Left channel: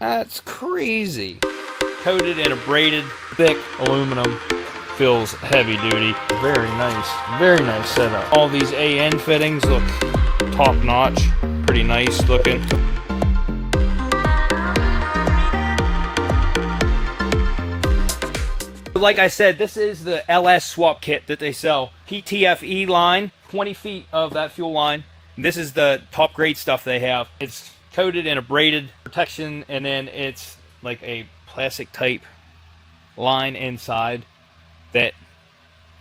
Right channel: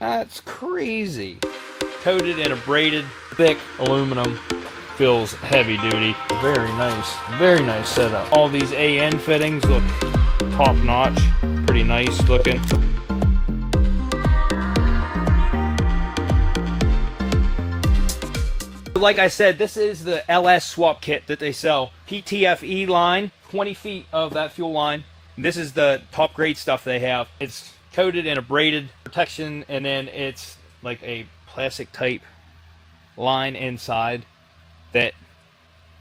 That's crazy. Coated in a braided, thick aluminum. Feels heavy duty. Very nice setup. All these AN fittings look top notch. Pretty nice looking. Like I said, this is the LS swap kit that they sell. PTFE line, 20 feet of that fuel line. This is the top grade stuff they have. It's coated in a braided protection, and then it's like a plastic type line inside that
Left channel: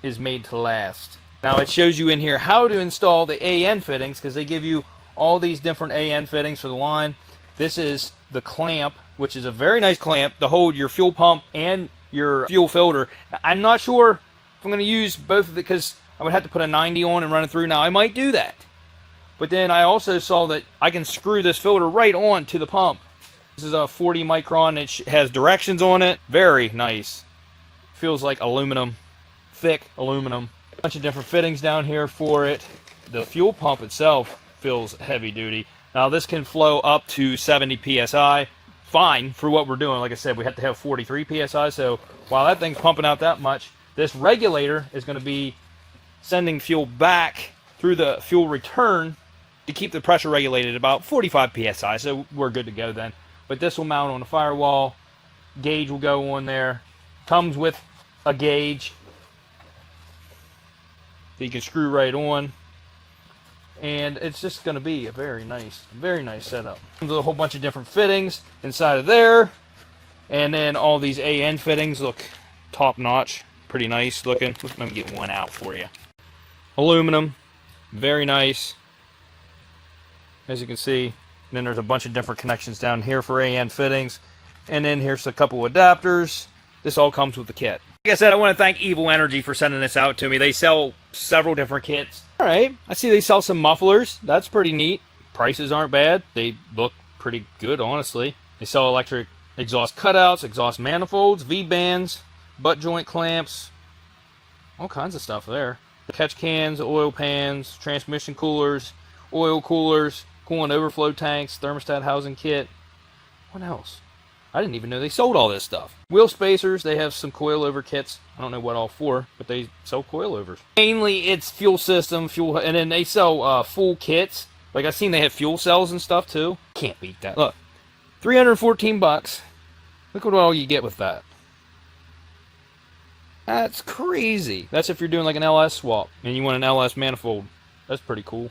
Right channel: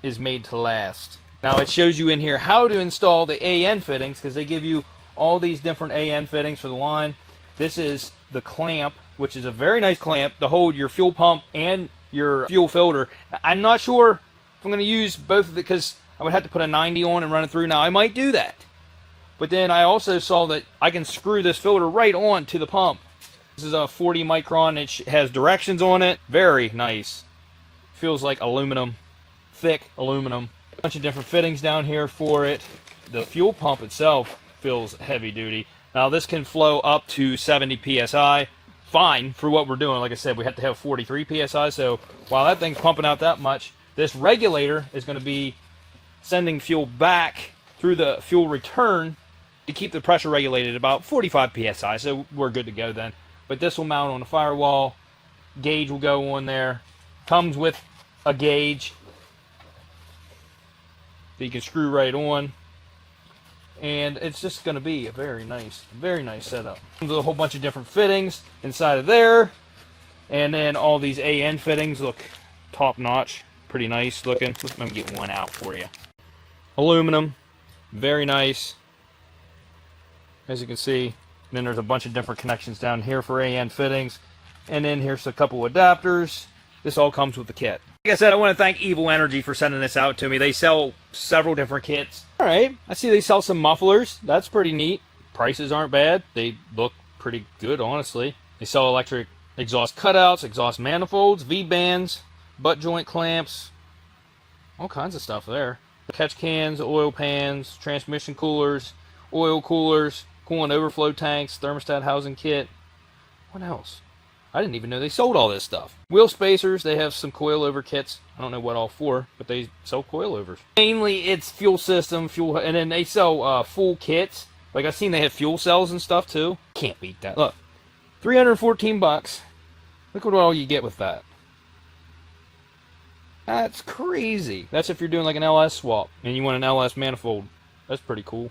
is made to last. Now it shows you in here how to install the AN fittings, because they give you all these different AN fittings for the line. This is the clamp, which is a very nice clamp to hold your fuel pump and your fuel filter. I'm not sure if I'm going to use both of it, because I would have to put a 90 on and run it through. Now I might do that, but then I also saw that I can screw this filter right on to the pump. This is a 40 micron. It has directions on it. Very nice. Feels like aluminum, thick aluminum. A bunch of different fittings down here for it. The fuel pump itself feels heavy duty. Now this can flow up to 70 psi. Fine for what we're doing. Like I said, we have to have 43 psi, so while that thing's pumping out that much, this regulator is going to be sending fuel back through the fuel return to keep the pressure regulated at about 45 psi, so we're good to go then. But this will mount on the firewall. Gauge will go on there. Comes with a gauge that you can screw right on, and it's just going to be a very nice setup. There's a whole bunch of different fittings inside of there, and then all these AN fittings look top notch, pretty nice looking. Let me get one out for you. Aluminum, very nice, as you can see. And then there's a bunch of different connections down here for AN fittings, and then here's a couple adapters. This all comes with the kit. Like I said, I want to thank Evil Energy for sending this out to me. They sell several different kits. Alright, I see they sell some mufflers. That's pretty neat. Prices aren't bad. They look pretty good, honestly. They sell electric exhaust cutouts, exhaust manifolds, V-bands, butt joint clamps, all kinds of stuff there. Catch cans, oil pans, transmission coolers, oil coolers, coolant overflow tanks, thermostat housing kit. What else? I didn't even know they sold all this stuff. Wheel spacers, they have some coilover kits. I don't know what all for, but they sell coilovers. Mainly it's fuel system, fuel, and then they sell full kits. Like I've seen they have fuel cells and stuff too. Can't beat that. Look, 314 bucks. Look at all you get with that. That's crazy. That's if you're doing like an LS swap and you want an LS manifold. That's pretty cool.